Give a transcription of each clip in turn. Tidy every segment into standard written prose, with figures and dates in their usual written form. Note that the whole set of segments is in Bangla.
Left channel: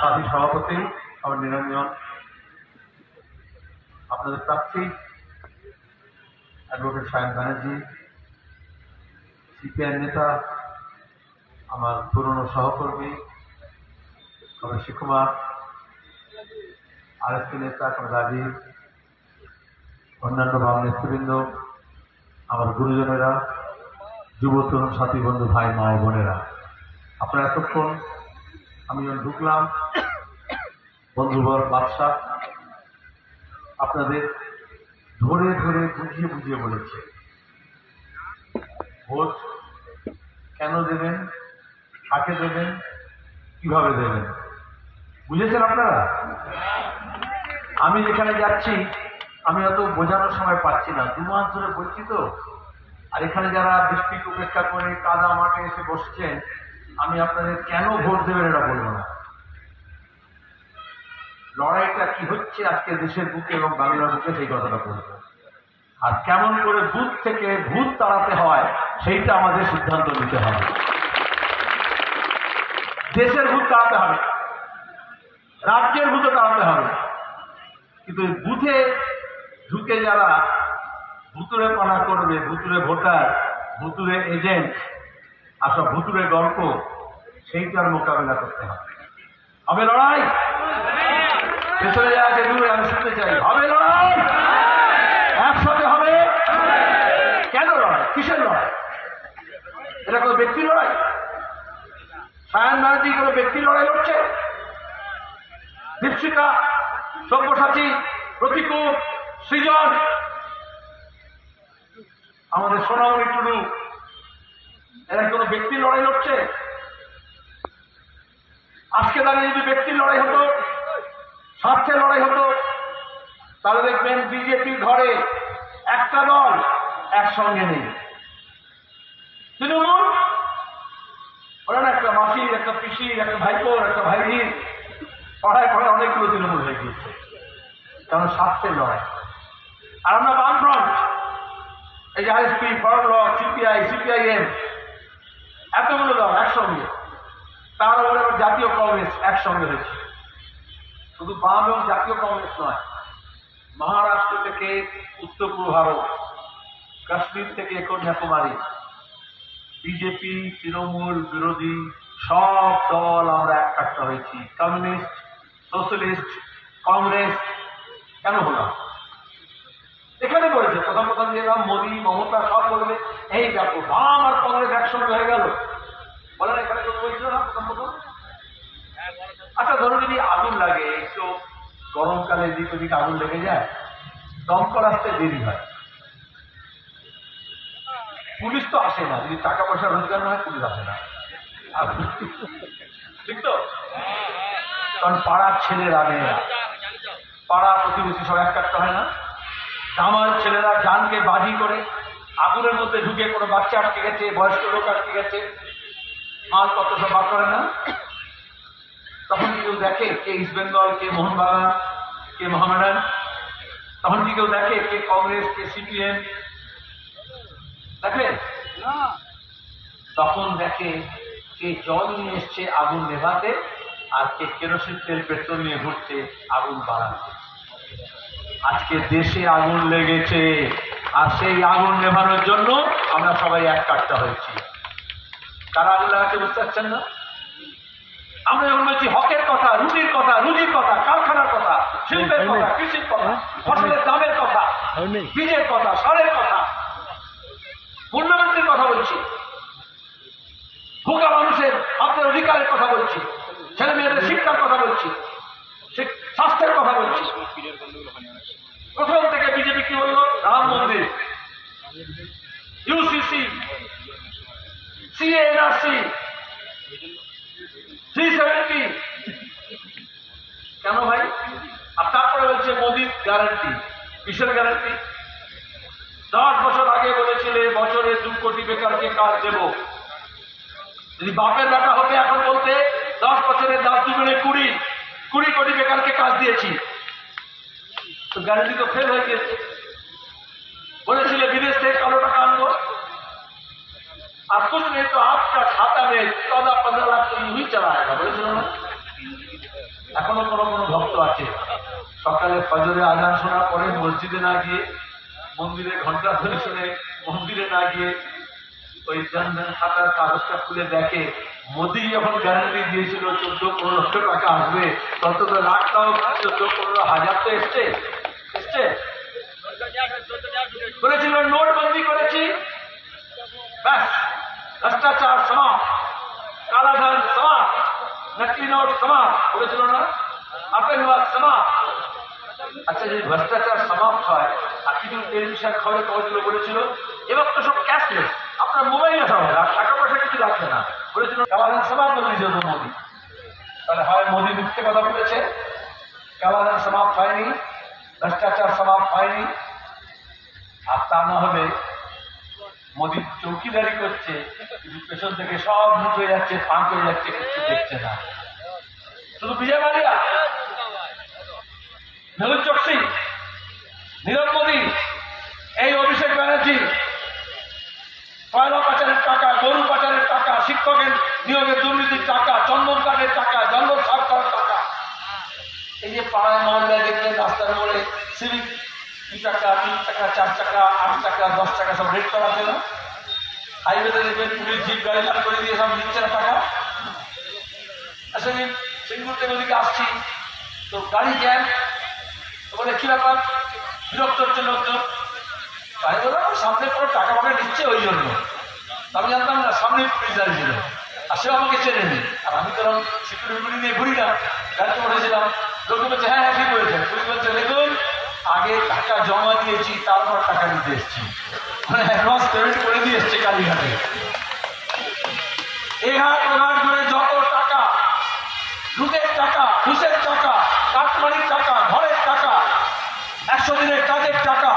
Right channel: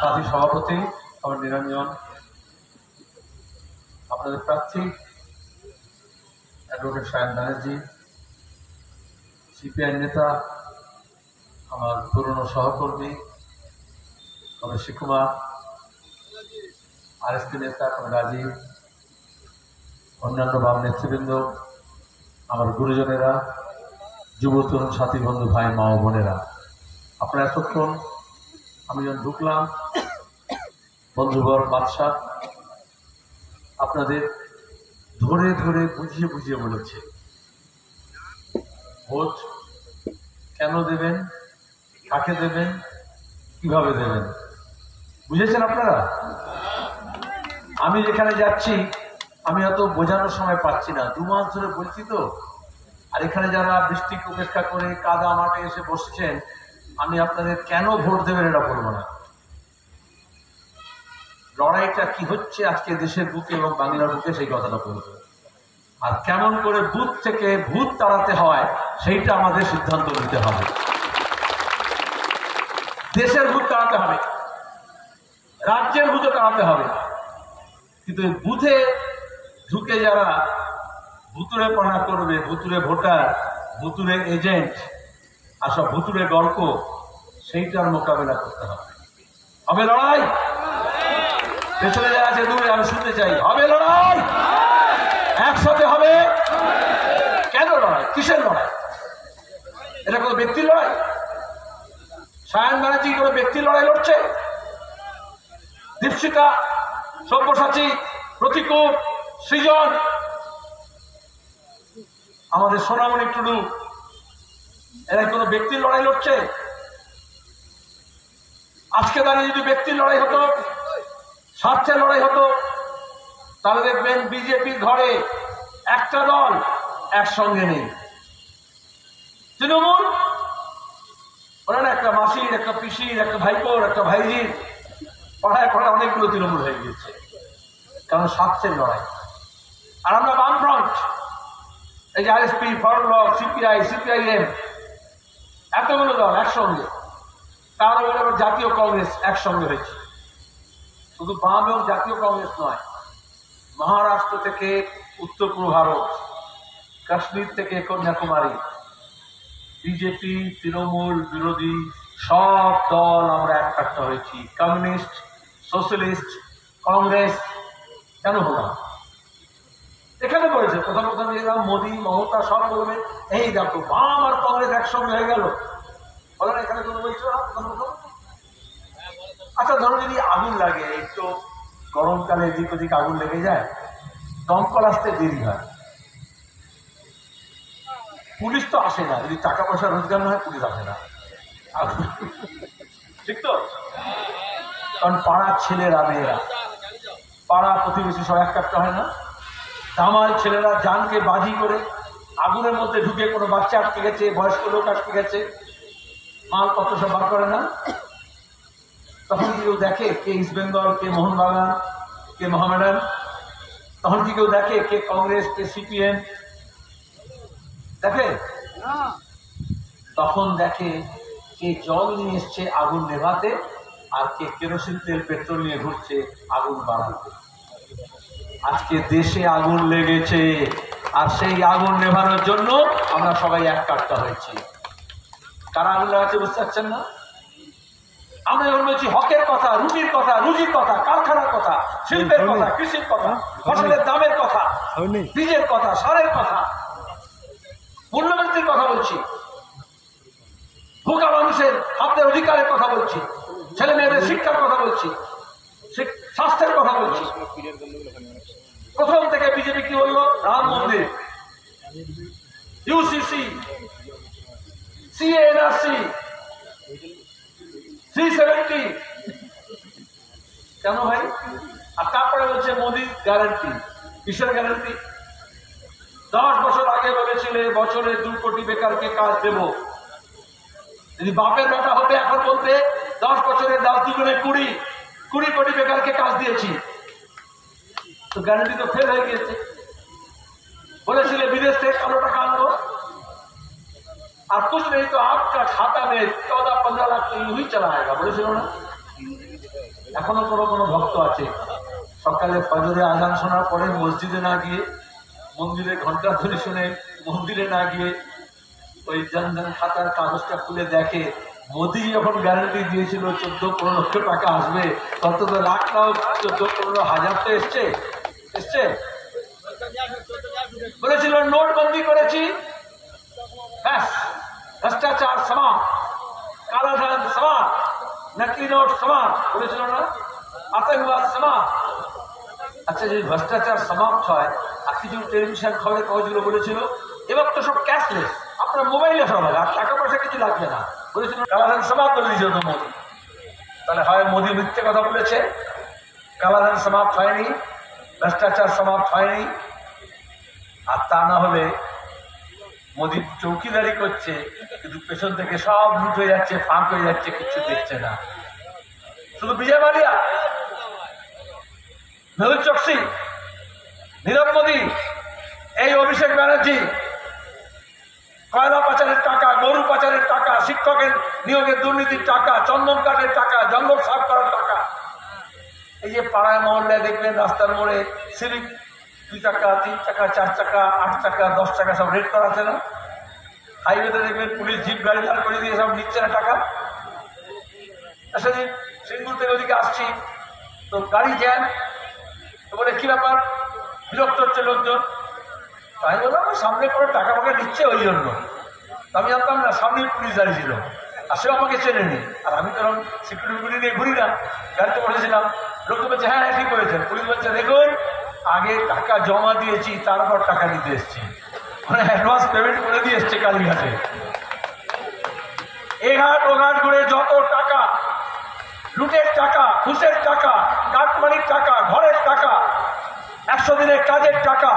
সাথী সভাপতি আমার নিরঞ্জন, আপনাদের প্রার্থী অ্যাডভোকেট সায়ন ব্যানার্জি, সিপিআই নেতা আমার পুরনো সহকর্মী কবির কুমার, আরএসপি নেতা রাজীব, অন্যান্য বাম নেতৃবৃন্দ, আমার গুরুজনেরা, যুব তরুণ সাথী বন্ধু ভাই মা ও বোনেরা, আপনারা এতক্ষণ আমি যখন ঢুকলাম বন্ধুবর বাদশাহ আপনাদের ধরে ধরে বুঝিয়ে বুঝিয়ে বলেছে ভোট কেন দেবেন, কাকে দেবেন, কিভাবে দেবেন, বুঝেছেন আপনারা? আমি যেখানে যাচ্ছি আমি অত বোঝানোর সময় পাচ্ছি না, 2 মাস ধরে বলছি তো। আর এখানে যারা বৃষ্টিকে উপেক্ষা করে কাদা মাঠে এসে বসছেন, আমি আপনাদের কেন ভোট দেবেন এটা বলবো না। লড়াইটা কি হচ্ছে আজকে দেশের বুকে এবং বাংলার বুকে সেই কথাটা বলবো। আর কেমন করে বুথ থেকে ভূত তাড়াতে হয় সেইটা আমাদের সিদ্ধান্ত নিতে হবে। দেশের ভূত তাড়াতে হবে, রাজ্যের ভূত তাড়াতে হবে, কিন্তু বুথে ঢুকে যারা ভুতুরে পানা করবে, ভুতুরে ভোটার, ভুতুরে এজেন্ট আর সব ভুতুরে গল্প, সেইটার মোকাবিলা করতে হবে। হবে লড়াই? পেছনে যারা আছে দূরে আমি শুনতে চাই, হবে লড়াই? একসাথে হবে। কেন লড়াই? কিসের লড়াই? এটা কোনো ব্যক্তির লড়াই? সায়ন ব্যানার্জি কোনো ব্যক্তির লড়াই লড়ছে? দীপশিখা, সব্যসাচী, প্রতিকূল, সৃজন, আমাদের সোনামণি টুডু, এরা কোনো ব্যক্তির লড়াই লড়ছে? আজকে দাঁড়িয়ে যদি ব্যক্তির লড়াই হতো, স্বার্থের লড়াই হতো, তাহলে দেখবেন বিজেপির ঘরে একটা দল একসঙ্গে নেই। তৃণমূল ওরা না একটা মাসির, একটা পিসির, একটা ভাইপোর, একটা ভাইজির, পড়ায় পড়ায় অনেকগুলো তৃণমূল হয়ে গিয়েছে, কারণ স্বার্থের লড়াই। আর আমরা বামফ্রন্ট, এই যে RSP, forward block, CPI, CPIM, এতগুলো দল একসঙ্গে, তার উপরে আবার জাতীয় কংগ্রেস একসঙ্গে হয়েছে। শুধু বাম এবং জাতীয় কংগ্রেস নয়, মহারাষ্ট্র থেকে উত্তর পূর্ব ভারত, কাশ্মীর থেকে কন্যাকুমারী, বিজেপি, তৃণমূল, বিরোধী সব দল আমরা একটা হয়েছি। কমিউনিস্ট, সোশ্যালিস্ট, কংগ্রেস কেন হলাম? এখানে বলেছে প্রথম প্রথম যেলাম মোদী, মমতা সব বলবে এই দেখো বাম আর কংগ্রেস একসঙ্গে হয়ে গেল, বলে না? এখানে কোনো বলছিল না প্রথম প্রথম? আচ্ছা ধরো যদি আগুন লাগে, একটু গরমকালে এদিক ওদিক আগুন লেগে যায়, দমকল আসতে দেরি হয়, পুলিশ তো আসে না, যদি টাকা পয়সা রোজগার না হয় পুলিশ আসে না, ঠিক তো? কারণ পাড়ার ছেলেরা, মেয়েরা, পাড়া প্রতিবেশী সব একটা হয় না? দামাল ছেলেরা জানকে বাজি করে আগুনের মধ্যে ঢুকে কোনো বাচ্চা আটকে গেছে, বয়স্ক লোক আটকে গেছে, মালপত্র সব বার করে না। তখন কি কেউ দেখে কে ইস্ট বেঙ্গল, কে মোহনবাগান, কে মোহামেডান? তখন কি কেউ দেখে কে কংগ্রেস, কে সিপিএম? দেখে? তখন দেখে কে জল নিয়ে এসছে আগুন নেভাতে, আর কে কেরোসিন তেল, পেট্রোল নিয়ে ঘুরছে আগুন বাড়াতে। আজকে দেশে আগুন লেগেছে, আর সেই আগুন নেভানোর জন্য আমরা সবাই একটা হয়েছি। কারা আগুন লাগাচ্ছে বুঝতে পারছেন না? আমরা যখন বলছি হকের কথা, রুটির কথা, রুজির কথা, কারখানার কথা, শিল্পের কথা, কৃষির কথা, ফসলের দামের কথা, বীজের কথা, সারের কথা, মূল্যবৃদ্ধির কথা বলছি, ভোগা মানুষের আপনার অধিকারের কথা বলছি, ছেলে মেয়েদের শিক্ষার কথা বলছি, স্বাস্থ্যের কথা বলছি। প্রথম থেকে বিজেপি কি বললো? রাম মন্দির, ইউসিসি, সিএনআরসি, 370, কেন ভাই? আর তারপরে বলছে মোদির গ্যারান্টি। কিসের গ্যারান্টি? 10 বছর আগে বলেছিলে বছরে 2 কোটি বেকারকে কাজ দেব। যদি বাপের বেটা হতে এখন বলতে 10 বছরে 10 দুগুণে 20 কোটি বেকারকে কাজ দিয়েছি, তো গ্যারান্টি তো ফেল হয়ে গিয়েছে। বলেছিলে বিদেশ থেকে কালো টাকা আনবো, আর कुछ नहीं तो आपका खाता में 14-15 लाख तो यूं ही चला आएगा, बोले चलो ना। এখনো কোনো কোনো ভক্ত আছে সকালে ফজরে আজান শোনার পরে মসজিদে না গিয়ে, মন্দিরে ঘন্টা ধ্বনি শুনে মন্দিরে না গিয়ে ওই জনধন খাতার কাগজটা খুলে দেখে মোদি যখন গ্যারান্টি দিয়েছিল 14-15 লক্ষ টাকা আসবে, তত তো লাখ নাও 14-15 হাজার তো এসছে। বলেছিল নোটবন্দি করেছি, ব্যাস ভ্রষ্টাচার সমাপ্ত, কালাধন সমাপ্ত, নকলি নোট সমাপ্ত, বলেছিল না, আতঙ্কবাদ সমাপ্ত। আচ্ছা, যদি ভ্রষ্টাচার সমাপ্ত হয়, আর কিছু টেলিভিশন খবরের কাগজগুলো বলেছিল এবার তো সব ক্যাশলেস, আপনার মোবাইলে সব হবে, আর টাকা পয়সা কিছু লাগবে না, বলেছিল কালাধন সমাপ্ত বলে দিয়েছিল তো মোদী। তাহলে হয় মোদী মিথ্যে কথা বলেছে, কালাধন সমাপ্ত হয়নি, ভ্রষ্টাচার সমাপ্ত হয়নি, আর তা না হলে মোদী চৌকিদারি করছে কিন্তু পেছন থেকে সব লুট হয়ে যাচ্ছে, ফাঁক হয়ে যাচ্ছে, কিছু দেখছে না। শুধু বিজয় মালিয়া, মেহুল চোকসি, নীরব মোদী, এই অভিষেক ব্যানার্জি কয়লা পাচারের টাকা, গরু পাচারের টাকা, শিক্ষকের নিয়োগের দুর্নীতির টাকা, চন্দন কাঠের টাকা, জঙ্গল সাফ করার টাকা। এই যে পাড়ায় মহল্লায় দেখলেন রাস্তার মোড়ে সিভিক 2 টাকা, 3 টাকা, 4 টাকা, 8 টাকা, 10 টাকা সব রেট করা আছে না? হাইওয়েতে দেখবেন পুলিশ জিপ গাড়ি লাল করে দিয়ে সব নিচ্ছে না টাকা। আসলে সিঙ্গুর থেকে ওদিকে আসছি তো গাড়ি জ্যাম, তো বলে কি ব্যাপার, বিরক্ত হচ্ছে লোকজন। তাই বললাম সামনে কোনো টাকা ফাঁকা নিচ্ছে ওই জন্য। আমি জানতাম না সামনে পুলিশ দাঁড়িয়ে ছিল, আর সেও আমাকে চেনে নি, আর আমি তো সিকিউরিটি নিয়ে ঘুরি না, গাড়িতে বসেছিলাম। লোকজন বলছে হ্যাঁ হ্যাঁ ঠিক করেছে। পুলিশ বলছে দেখুন আগে টাকা জমা দিয়েছি, তারপর টাকা নিতে এসছি, মানে অ্যাডভান্স পেমেন্ট করে দিয়ে এসছে কালীঘাটে। এঘাট ওঘাট করে যত টাকা, লুটের টাকা, ঘুষের টাকা, কাটমানির টাকা, ঘরের টাকা, 100 দিনের কাজের টাকা,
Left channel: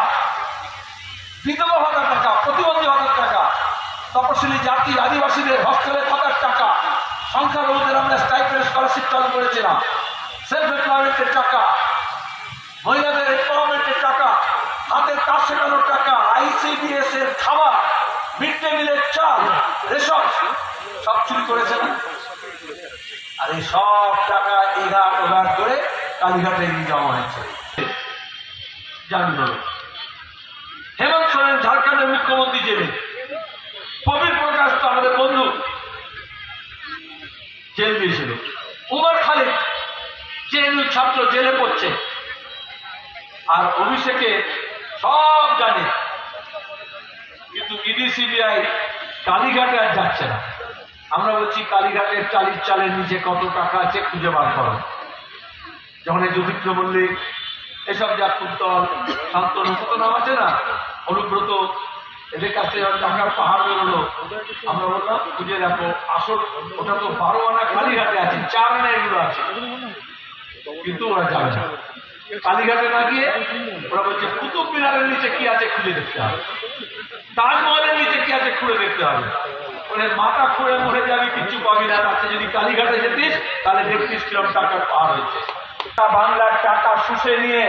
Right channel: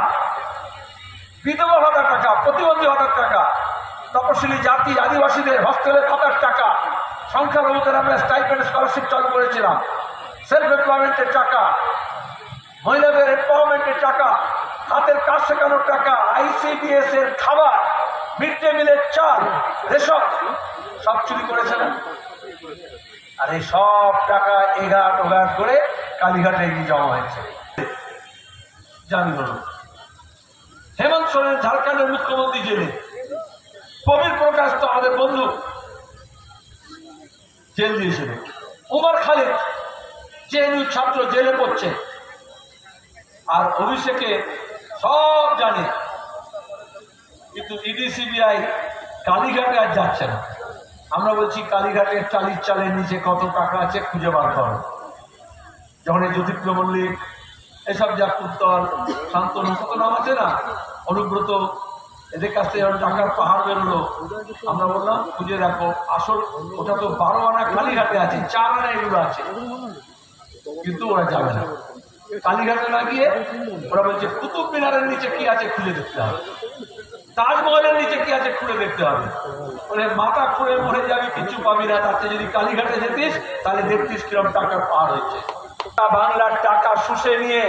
বিধবা ভাতার টাকা, প্রতিবন্ধী ভাতার টাকা, তপশিলি জাতি আদিবাসীদের হস্টেলে থাকার টাকা, সংখ্যালঘুদের আমরা স্টাইপেন্ড স্কলারশিপ চালু করেছিলাম, সেলফ এমপ্লয়মেন্টের টাকা, মহিলাদের এমপাওয়ারমেন্টের টাকা, হাতের কাজ শেখানোর টাকা, ICDS এর খাবার, মিড ডে মিলের চাল, রেশন সব চুরি করেছে না? আর এই সব টাকা এঘাট ওঘাট করে কালীঘাটে জমা হয়েছে। জানি বলো হেমন্ত সোরেন ঝাড়খণ্ডের মুখ্যমন্ত্রী জেলে, প্রবীর প্রকাশ তো আমাদের বন্ধু জেল দিয়েছিল, উমর খালিদ জেএনইউ ছাত্র জেলে পড়ছে, আর অভিষেকে সব জানে, কিন্তু ইডি সিবিআই কালীঘাটে আর যাচ্ছে না। আমরা বলছি কালীঘাটের টালির চালের নিচে কত টাকা আছে খুঁজে বার করো। যখন এই জ্যোতিপ্র মল্লিক এসব যা কুত্তল, শান্তনু, কত নাম আছে না, অনুব্রত, এদের কাছ থেকে যখন টাকার পাহাড় বেরোলো, আমরা বললাম খুঁজে দেখো, আসল ওটা তো 12 আনা কালীঘাটে আছে, 4 আনা এগুলো আছে, কিন্তু ওরা যাবে না। কালীঘাটে না গিয়ে ওরা বলছে কুতুব মিনারের নিচে কি আছে খুঁজে দেখতে হবে, তাজমহলের নিচে কি আছে খুঁড়ে দেখতে হবে। ওদের মাথা খুঁড়ে মরে যাবি, কিছু পাবি না। তাতে যদি কালীঘাটে যেতিস তাহলে দেখতিস কিরম টাকার পাহাড় হয়েছে। বাংলার টাকা শুষে নিয়ে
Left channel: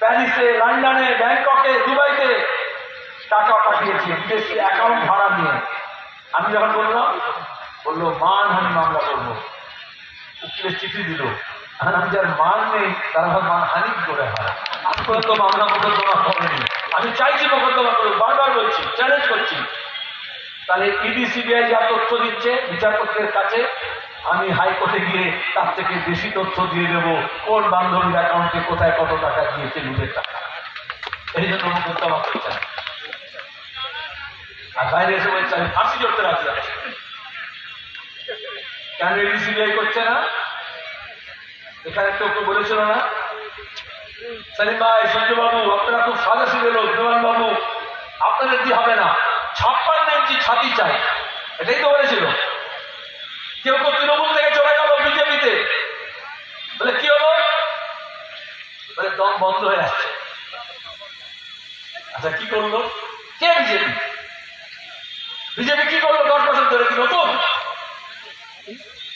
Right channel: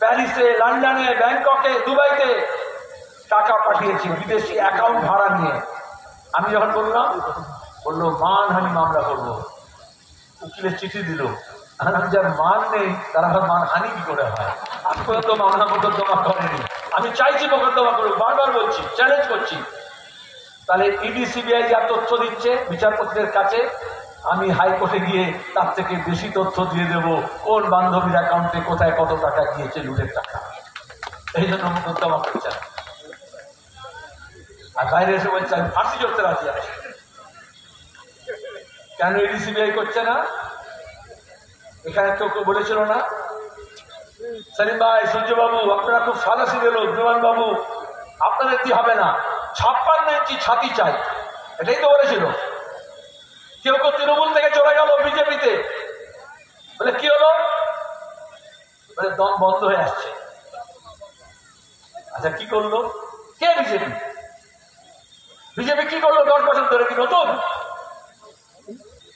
প্যারিসে, লন্ডনে, ব্যাংককে, দুবাইতে টাকা পাঠিয়েছে বিদেশি অ্যাকাউন্ট ভাড়া নিয়ে। আমি যখন বললাম, বললো মানহানি মামলা করবো, উকিলের চিঠি দিল। আমি যার মান নেই তারা মানহানি কি করে হয়? আজ পর্যন্ত মামলা মোকদ্দমা করেনি। আমি চাইছি মোকদ্দমা করুক, বারবার বলছি, চ্যালেঞ্জ করছি। তাহলে ইডি সিবিআই যা তথ্য দিচ্ছে বিচারপতিদের কাছে, আমি হাইকোর্টে গিয়ে তার থেকে বেশি তথ্য দিয়ে দেব, কোন বান্ধবীর অ্যাকাউন্টে কোথায় কত টাকা গিয়েছে, লুটের টাকা। এই জন্য মোকদ্দমা করছে না। আর বাইরে এসে বলছে আমি ফাঁসি চড়তে রাজি আছি। কেন ইডি সিবিআই করছে না? এখানে কেউ বলেছিল না, সেলিম ভাই, সূর্যবাবু, আপনারা খুব সাদা সিধে লোক, দেওয়ান বাবু, আপনাদের কি হবে না, 56 ইঞ্চি ছাতি চাই, এটাই তো বলেছিল। কেউ কেউ তৃণমূল থেকে চলে গেল বিজেপিতে, বলে কি হলো, বলে দম বন্ধ হয়ে আসছে। আচ্ছা কি করলো? কে? বিজেপি। বিজেপি কি করলো 10 বছর ধরে? কি নতুন?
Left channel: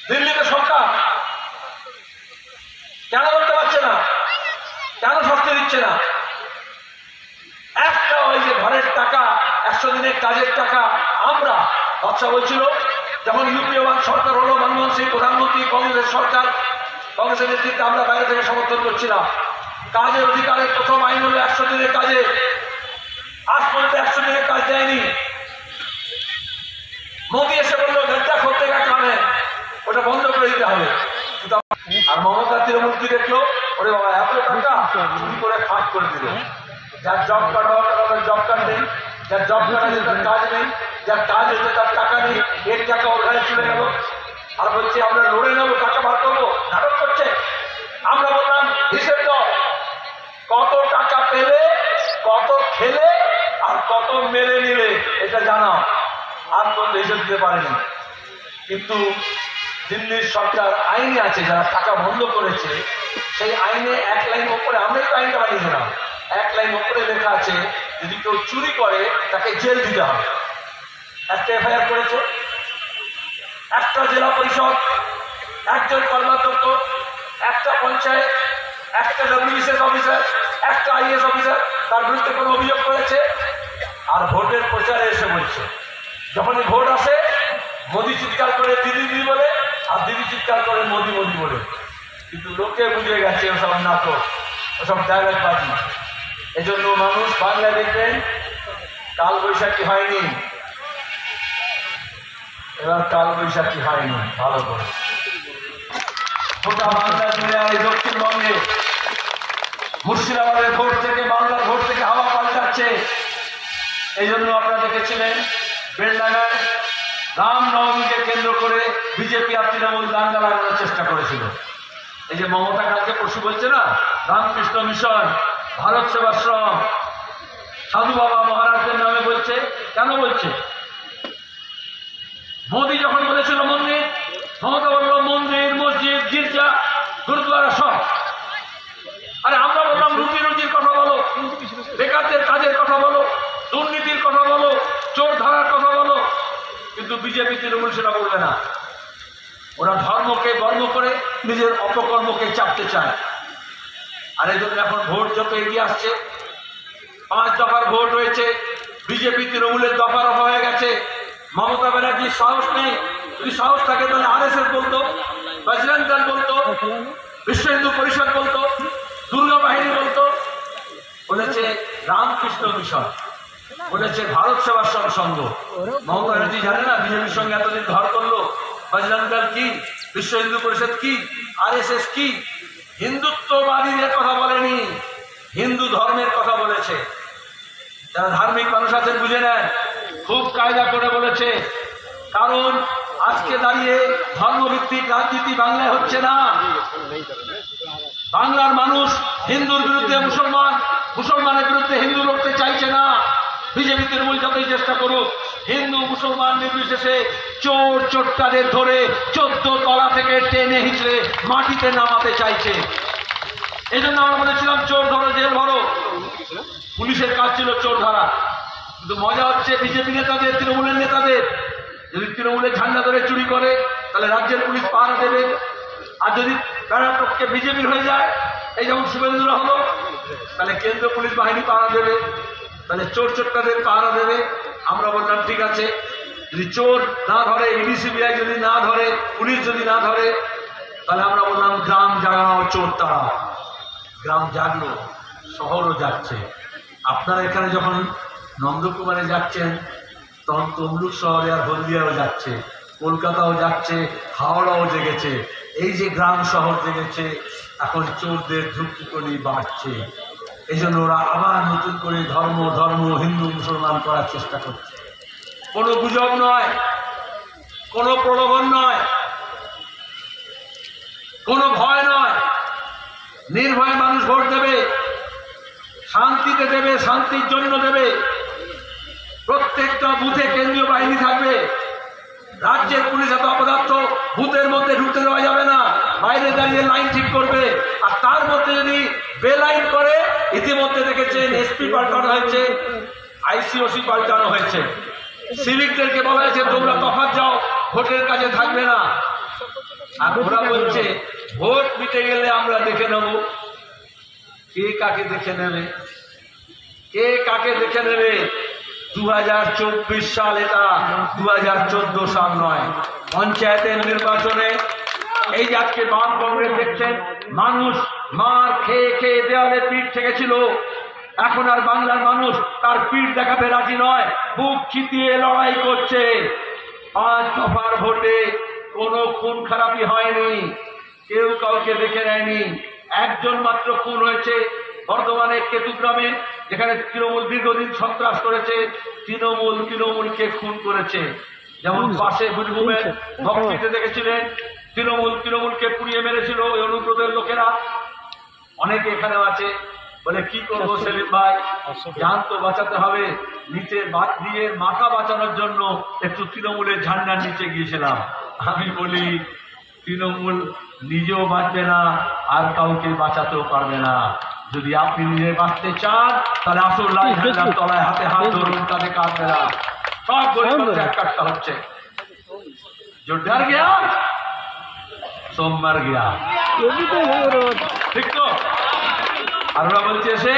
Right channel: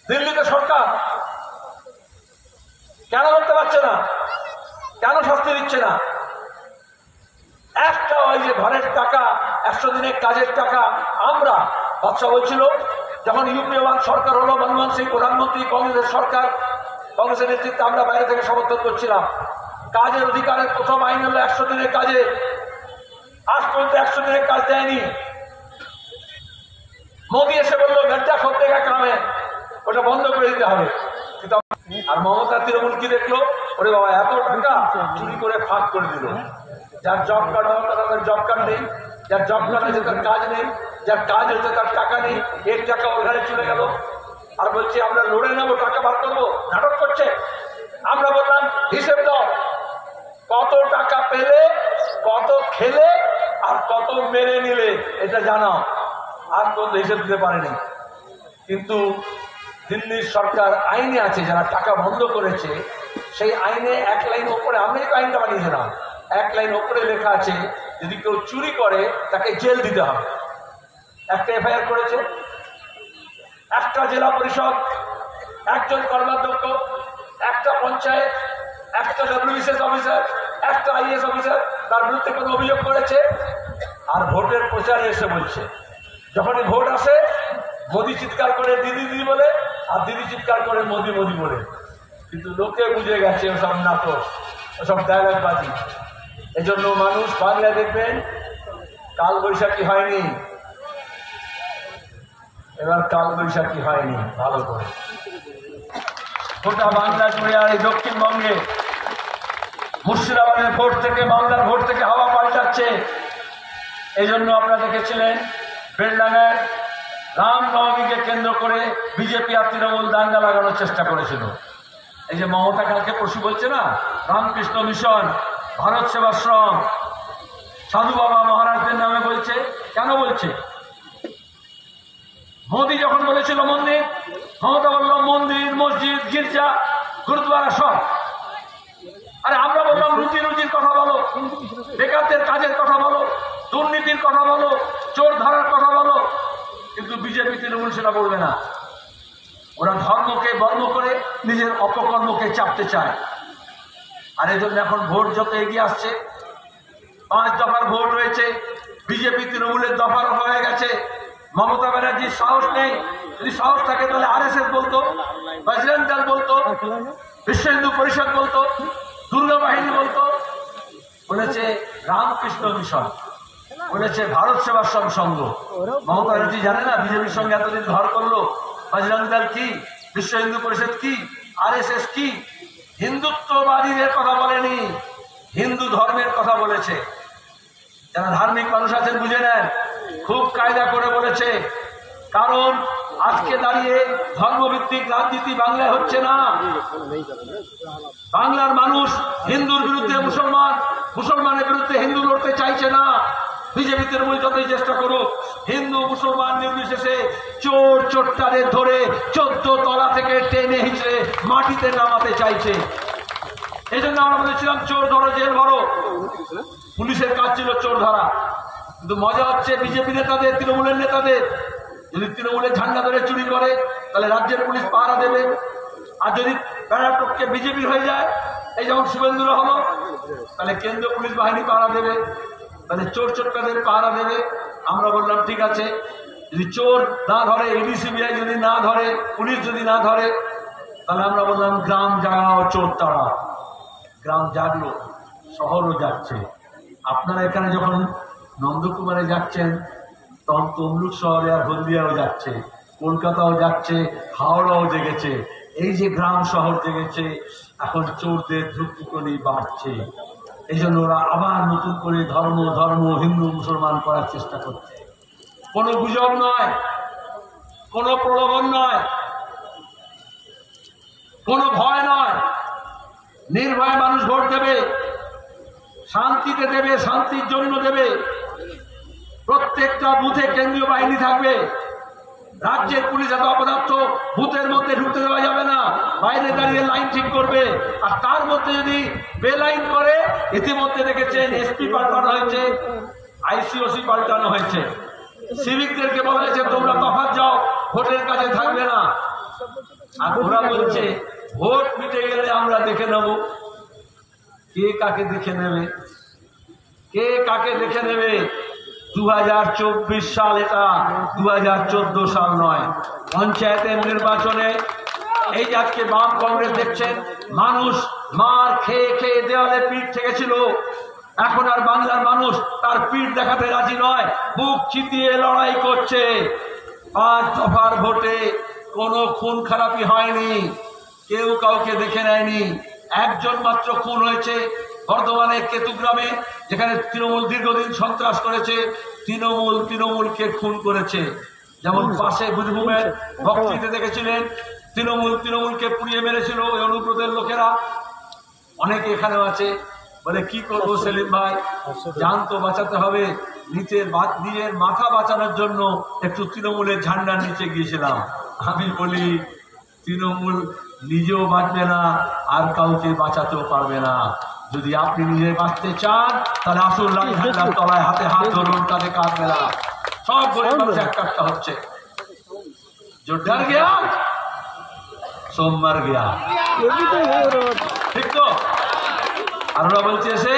দিল্লিতে সরকার কেন করতে পারছে না? কেন শাস্তি দিচ্ছে না? একটা ওই যে ঘরের টাকা, 100 দিনের কাজের টাকা, আমরা বাচ্চা বলছিল যখন ইউপিএ ওয়ান সরকার হলো, মনমোহন সিং প্রধানমন্ত্রী, কংগ্রেসের সরকার, কংগ্রেসের নেতৃত্বে আমরা বাইরে থেকে সমর্থন করছিলাম। কাজের অধিকারের প্রথম আইন হলো 100 দিনের কাজে। আজ পর্যন্ত 100 দিনের কাজ দেয়নি। মোদী এসে বললো গড্ডা করতে গা কামে, ওটা বন্ধ করে দিতে হবে। আর মমতা তৃণমূল কি দেখলো, ওরে বাবা এত টাকা চুরি করে ফাঁক করে দিল। যার জব কার্ড হওয়ার টাকা তার জব কার্ড নেই, যার জব কার্ড আছে তার কাজ নেই, যার কাজ হচ্ছে তার টাকা নেই, এর টাকা ওর ঘরে চলে গেল। আর বলছে আমরা লড়ে নেবো, টাকা বার করবো, নাটক করছে। আমরা বললাম হিসেব দাও, কত টাকা পেলে, কত খেলে, আর কত মেরে নিলে এটা জানাও। আর পর্যন্ত হিসেব দিতে পারেনি। কিন্তু দিল্লির সরকার আইনে আছে, যারা টাকা বন্ধ করেছে সেই আইনে 1 লাইন ওপরে, আমরাই তো আইনটা বানিয়েছিলাম, 1 লাইন ওপরে লেখা আছে যদি কেউ চুরি করে তাকে জেল দিতে হবে। একটা এফআইআর করেছে, একটা জেলা পরিষদ, একজন কর্মাধ্যক্ষ, একটা পঞ্চায়েত, একটা ডব্লিউবিসিএস অফিসার, একটা আইএস অফিসার তার বিরুদ্ধে কোনো অভিযোগ করেছে। আর ভোটের প্রচারে এসে বলছে, যখনই ভোট আসে মোদি চিৎকার করে দিদি দিদি বলে, আর দিদি চিৎকার করে মোদি মোদি বলে। কিন্তু লোকে বুঝে গেছে ওসব নাটক, ওসব ডায়লগবাজি। এজন্য মানুষ বাংলায় দেখবেন কাল বৈশাখী হয়নি, এবার কাল বৈশাখী হয়নি ভালো করে। গোটা বাংলা জুড়ে আর এই দক্ষিণবঙ্গে মুর্শিদাবাদের ভোট থেকে, বাংলার ভোট থেকে হাওয়া পাল্টাচ্ছে। এই জন্য আপনারা দেখেছিলেন বেলডাঙ্গায় রামনবমীকে কেন্দ্র করে বিজেপি আর তৃণমূল দাঙ্গা লাগানোর চেষ্টা করেছিল। এই যে মমতা কালকে পরশু বলছে না, রামকৃষ্ণ মিশন, ভারত সেবাশ্রম, সাধু বাবা মহারাজদের নামে বলছে। কেন বলছে? মোদী যখন বলেছিল মন্দির, মমতা বলল মন্দির, মসজিদ, গির্জা, গুরুদ্বারা সব। আরে আমরা বললাম রুটি রুজির কথা বলো, বেকারদের কাজের কথা বলো, দুর্নীতির কথা বলো, চোর ধারার কথা বলো। কিন্তু বিজেপি তৃণমূল সেটা বলবে না। ওরা ধর্মকে বর্ণ করে নিজের অপকর্মকে চাপতে চায়। আর এই জন্য এখন ভোট যত এগিয়ে আসছে, 5 দফার ভোট হয়েছে, বিজেপি তৃণমূলের দফা রফা হয়ে গেছে। মমতা ব্যানার্জির সাহস নেই। যদি সাহস থাকে তাহলে আরএসএস বলতো, বজরং দল বলতো, বিশ্ব হিন্দু পরিষদ বলতো, দুর্গা বাহিনী বলতো। বলেছে রামকৃষ্ণ মিশন, বলেছে ভারত সেবাশ্রম সংঘ। মমতা ব্যানার্জি জানে না বিজেপির সঙ্গে এতদিন ঘর করলো? বজরং দল কি, বিশ্ব হিন্দু পরিষদ কি, আরএসএস কি? হিন্দুত্ববাদীদের কথা বলেনি, হিন্দু ধর্মের কথা বলেছে। যারা ধার্মিক মানুষ আছেন বুঝে নেন, খুব কায়দা করে বলেছে। কারণ আজকে দাঁড়িয়ে ধর্মভিত্তিক রাজনীতি বাংলায় হচ্ছে না। বাংলার মানুষ হিন্দুর বিরুদ্ধে মুসলমান, মুসলমানের বিরুদ্ধে হিন্দু লড়তে চাইছে না। বিজেপি তৃণমূল যতই চেষ্টা করুক, হিন্দু মুসলমান নির্বিশেষে চোর চোটকাদের ধরে 14 তলা থেকে টেনে হিঁচড়ে মাটিতে নামাতে চাইছে। এই জন্য আমরা বলেছিলাম চোর ধরো, জেল ভরো। পুলিশের কাজ ছিল চোর ধরা। কিন্তু মজা হচ্ছে বিজেপি নেতাদের, তৃণমূলের নেতাদের। যদি তৃণমূলের ঝান্ডা ধরে চুরি করে তাহলে রাজ্যের পুলিশ পাহারা দেবে। আর যদি কর্ণাটককে বিজেপির হয়ে যায়, এই যেমন শুভেন্দুরা হলো, তাহলে কেন্দ্রীয় পুলিশ বাহিনী পাহারা দেবে, তাহলে চোর চোটকাদের পাহারা দেবে। আমরা বললাম ঠিক আছে, যদি চোর না ধরে, ইডি সিবিআই যদি না ধরে, পুলিশ যদি না ধরে, তাহলে আমরা বললাম গ্রাম জাগাও, চোর তাড়াও। গ্রাম জাগলো, শহরও যাচ্ছে। আপনারা এখানে যখন নন্দকুমারে যাচ্ছেন, তখন তমলুক শহরে আর হলদিয়াও যাচ্ছে, কলকাতাও যাচ্ছে, হাওড়াও জেগেছে। এই যে গ্রাম শহর জেগেছে, এখন চোরদের ধূপকুনি বাড়ছে। এই জন্য ওরা আবার নতুন করে ধর্ম ধর্ম হিন্দু মুসলমান করার চেষ্টা করছে। কোনো গুজব নয়, কোনো প্রলোভন নয়, কোনো ভয় নয়। নির্ভয়ে মানুষ ভোট দেবে, শান্তিতে দেবে, শান্তির জন্য দেবে। প্রত্যেকটা বুথে কেন্দ্রীয় বাহিনী থাকবে। রাজ্যের পুলিশ এত অপদার্থ, বুথের মধ্যে ঢুকতে দেওয়া যাবে না, বাইরে দাঁড়িয়ে লাইন ঠিক করবে। আর তার মধ্যে যদি বেলাইন করে, ইতিমধ্যে দেখেছেন এসপি পাল্টানো হয়েছে, আইসিওসি পাল্টানো হয়েছে। সিভিকদেরকে বলা হয়েছে তোমরা তফাৎ যাও, ভোটের কাজে থাকবে না। আর ওরা বলছে ভোট মিটে গেলে আমরা দেখে নেব। কে কাকে দেখে নেবে? কে কাকে দেখে নেবে? 2024 সাল, এটা 2014 সাল নয়। পঞ্চায়েতের নির্বাচনে এই যে আজকে বাম কংগ্রেস দেখছেন, মানুষ মার খেয়ে খেয়ে দেওয়ালে পিঠ ঠেকেছিল, এখন আর বাংলার মানুষ তার পিঠ দেখাতে রাজি নয়, বুক চিতিয়ে লড়াই করছে। 5 দফার ভোটে কোনো খুন খারাপি হয়নি, কেউ কাউকে দেখে নেয়নি। একজন মাত্র খুন হয়েছে বর্ধমানের কেতুগ্রামে, যেখানে তৃণমূল দীর্ঘদিন সন্ত্রাস করেছে, তৃণমূলকে খুন করেছে। যেমন পাশে বীরভূমের ভক্তিতে দেখেছিলেন, তৃণমূলকে পুড়িয়ে মেরেছিল ওই অনুব্রতের লোকেরা। অনেকে এখানেও আছে। বলে কি করবো সেলিম ভাই, জান তো বাঁচাতে হবে, নিজের মাথা বাঁচানোর জন্য একটু তৃণমূলের ঝান্ডার নিচে গিয়েছিলাম। আমি বলি তৃণমূল নিজেও বাঁচবে না, আর কাউকে বাঁচাতেও পারবে না। যদি আপনি নিজে বাঁচতে চান তাহলে আসল লাল ঝান্ডার তলায় হাতে হাত ধরুন, কাঁধে কাঁধ মেলান। সব গরিব মানুষ এক কাটতে হচ্ছে। জোরদার গিয়া সোমবার গিয়া, ঠিক তো? আর ওরা বলছে এসে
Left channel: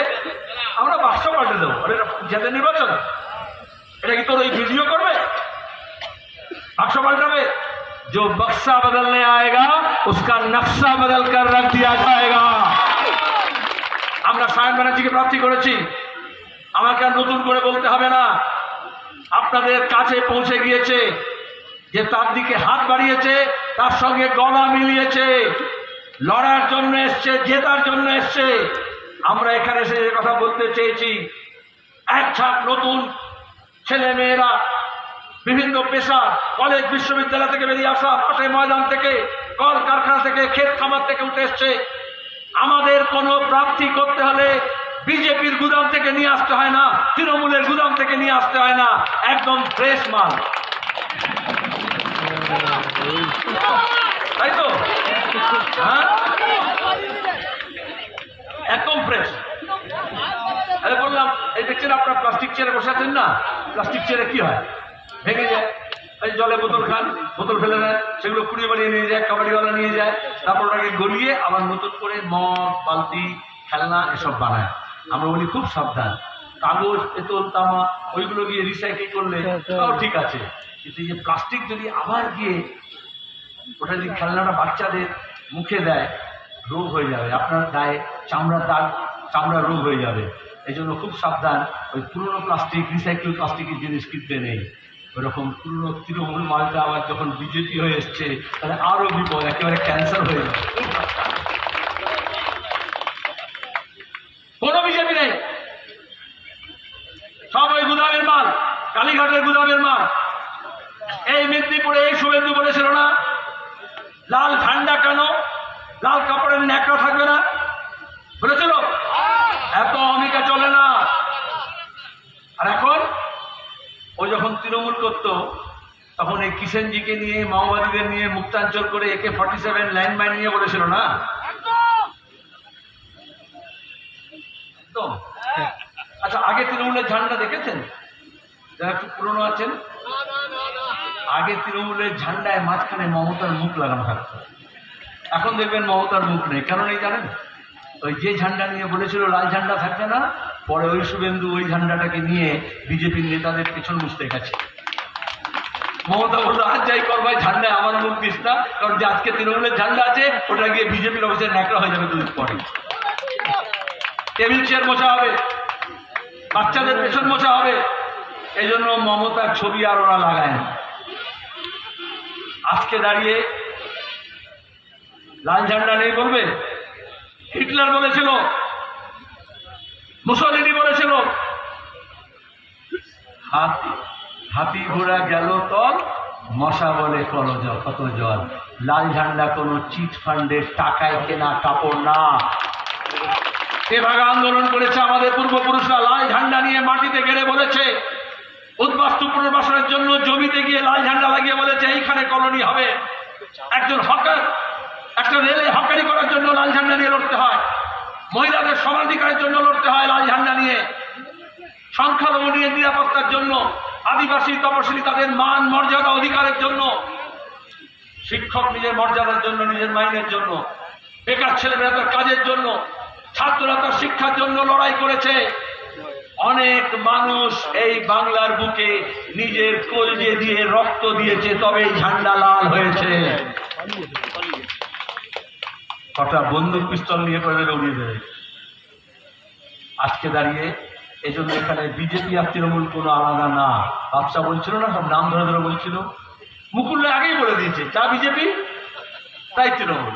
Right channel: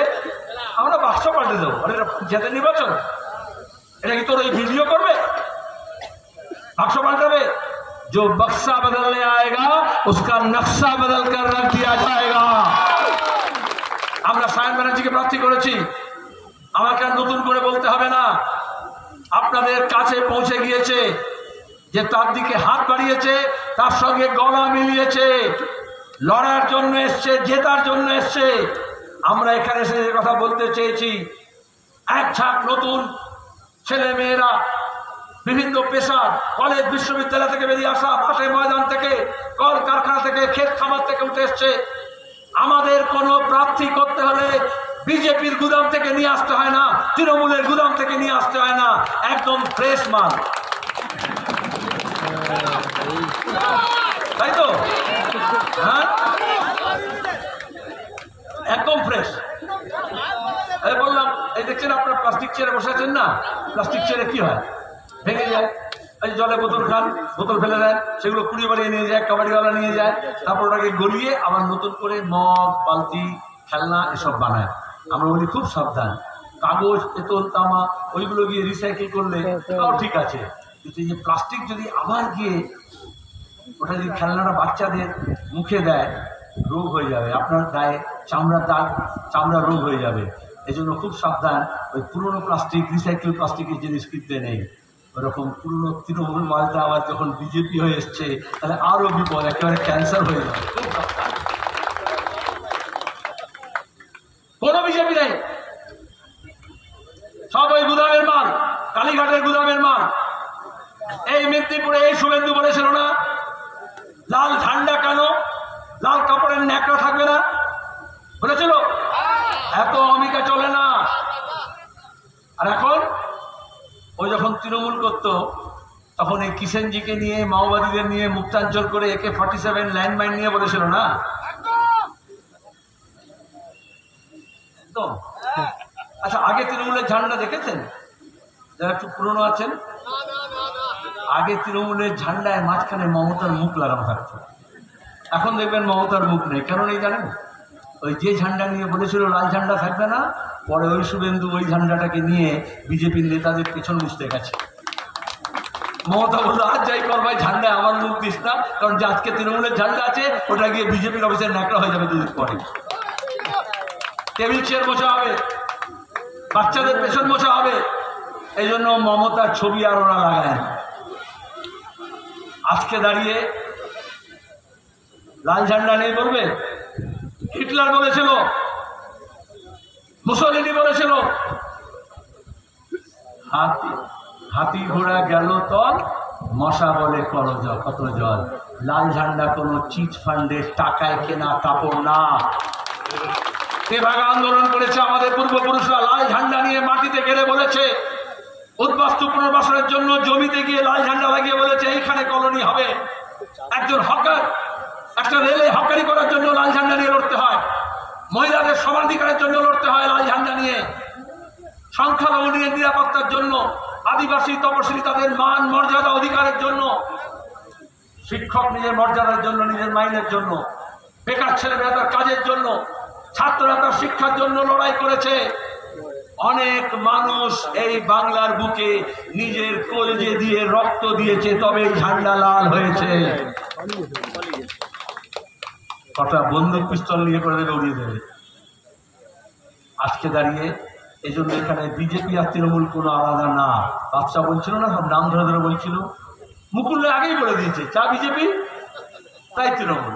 আমরা বাক্স পাল্টে দেবো। আরে এটা পঞ্চায়েতের নির্বাচন, এটা কি তোর ওই ভিডিও করবে? বাক্স পাল্টাবে? जो बक्सा बदलने आएगा उसका नक्शा बदल कर रख दिया जाएगा। আমরা সায়ন ব্যানার্জিকে প্রার্থী করেছি, আমাকে আর নতুন করে বলতে হবে না। আপনাদের কাছে পৌঁছে গিয়েছে যে তার দিকে হাত বাড়িয়েছে, তার সঙ্গে গলা মিলিয়েছে, লড়ার জন্য এসছে, জেতার জন্য এসছে। আমরা এখানে এসে কথা বলতে চেয়েছি, এক ঝাঁক নতুন ছেলে মেয়েরা বিভিন্ন পেশার, কলেজ বিশ্ববিদ্যালয় থেকে বেরিয়ে আসা, মাঠে ময়দান থেকে, কল কারখানা থেকে, ক্ষেত খামার থেকে উঠে এসছে। আমাদের কোনো প্রার্থী করতে হলে বিজেপির গুদাম থেকে নিয়ে আসতে হয় না, তৃণমূলের গুদাম থেকে নিয়ে আসতে হয় না, একদম ফ্রেশ মাল, তাই তো? হ্যাঁ, একদম ফ্রেশ। আরে বললাম, এই দেখছেন আপনার প্লাস্টিক চেয়ারে বসে আছেন না, প্লাস্টিক চেয়ারে কি হয়, ভেঙে যায়। এই জলে বোতল খান, বোতল ফেলে দেন, সেগুলো কুড়িয়ে বাড়িয়ে নিয়ে যায়, কাবাডিওয়ালা নিয়ে যায়, তারপর ওটাকে গলিয়ে আবার নতুন করে মগ, বালতি, খেলনা এসব বানায়। আমরা বলি খুব সাবধান, কাগজ, পেতল, তামা ওইগুলো গিয়ে রিসাইকেল করলে তাও ঠিক আছে, কিন্তু এই যে প্লাস্টিক যদি আবার গিয়ে ওটা যদি খেলনাটা বাচ্চাদের মুখে দেয়, রোগ হয়ে যাবে, আপনার গায়ে চামড়ার দাগ, চামড়ার রোগ হয়ে যাবে। এই জন্য খুব সাবধান, ওই পুরনো প্লাস্টিক, রিসাইকেল প্লাস্টিকের জিনিস কিনতে নেই। ওরকম পুরনো তৃণমূল মালটা আবার যখন বিজেপি হয়ে এসছে তাহলে আরো বিপদ, একেবারে ক্যান্সার হয়ে যাবে। কোনো বিজেপি নেই, সব ওই গুদামের মাল, কালীঘাটের গুদামের মাল। এই মেদিনীপুরে এই শুভেন্দু বলেছিল না, লাল ঝান্ডা কেন, লাল কাপড়ের ন্যাকড়া থাকবে না, বলেছিল? এত অমিকা চলে না। আর এখন ও যখন তৃণমূল করতো তখন এই কিষেনজিকে নিয়ে, মাওবাদীদের নিয়ে মুক্তাঞ্চল করে AK-47 ল্যান্ডমাইন নিয়ে বলেছিল না, একদম। আচ্ছা, আগে তৃণমূলের ঝান্ডা দেখেছেন? যারা একটু পুরনো আছেন, আগে তৃণমূলের ঝান্ডায় মাঝখানে মমতার মুখ লাগানো থাকতো। এখন দেখবেন মমতার মুখ নেই। কেন নেই জানেন? ওই যে ঝান্ডা নিয়ে বলেছিল লাল ঝান্ডা থাকবে না, পরে ওই শুভেন্দু ওই ঝান্ডাটাকে নিয়ে বিজেপির নেতাদের পেছন মুছতে গেছে। মমতা বললো, আজ যাই কর ভাই, ঝান্ডায় আমার মুখ দিস না, কারণ যে আজকে তৃণমূলের ঝান্ডা আছে ওটা গিয়ে বিজেপির অফিসের ন্যাকড়া হয়ে যাবে দুদিন পরে। টেবিল চেয়ার মোছা হবে, বাচ্চাদের পেছন মোছা হবে। এই জন্য মমতার ছবি আর ওরা লাগায় না। আজকে দাঁড়িয়ে লাল ঝান্ডা নেই বলবে? হিটলার বলেছিল, মুসলিনি বলেছিল, হাতি ঘোড়া গেল তল, মশা বলে কত জল। লাল ঝান্ডা কোনো চিট ফান্ডের টাকায় কেনা কাপড় না। এভাবে আন্দোলন করেছে আমাদের পূর্বপুরুষরা, লাল ঝান্ডা নিয়ে মাটিতে গেড়ে বলেছে, উদ্বাস্তু পুনর্বাসনের জন্য জমিতে গিয়ে লাল ঝান্ডা লাগিয়ে বলেছে এইখানে কলোনি হবে। একজন হকার, একটা রেলে হকারি করার জন্য লাল ঝান্ডা নিয়ে লড়তে হয়, মহিলাদের সমানাধিকারের জন্য লড়তে হয় লাল ঝান্ডা নিয়ে, সংখ্যালঘু নিয়ে নিরাপত্তার জন্য, আদিবাসী তপশিলি তাদের মান মর্যাদা অধিকারের জন্য, শিক্ষক নিজের মর্যাদার জন্য, নিজের মাইনের জন্য, বেকার ছেলেমেয়েরা তার কাজের জন্য, ছাত্ররা তার শিক্ষার জন্য লড়াই করেছে। অনেক মানুষ এই বাংলার বুকে নিজের কলজে দিয়ে রক্ত দিয়েছে, তবে এই ঝান্ডা লাল হয়েছে। কটা বন্দুক পিস্তল নিয়ে করে উড়িয়ে দেবে। আজকে দাঁড়িয়ে এই জন্য এখানে বিজেপি আর তৃণমূল কোনো আলাদা না। বাদশা বলছিল না, সব নাম ধরে ধরে বলছিল। মুকুল আগেই বলে দিয়েছে, যা বিজেপি তাই তৃণমূল।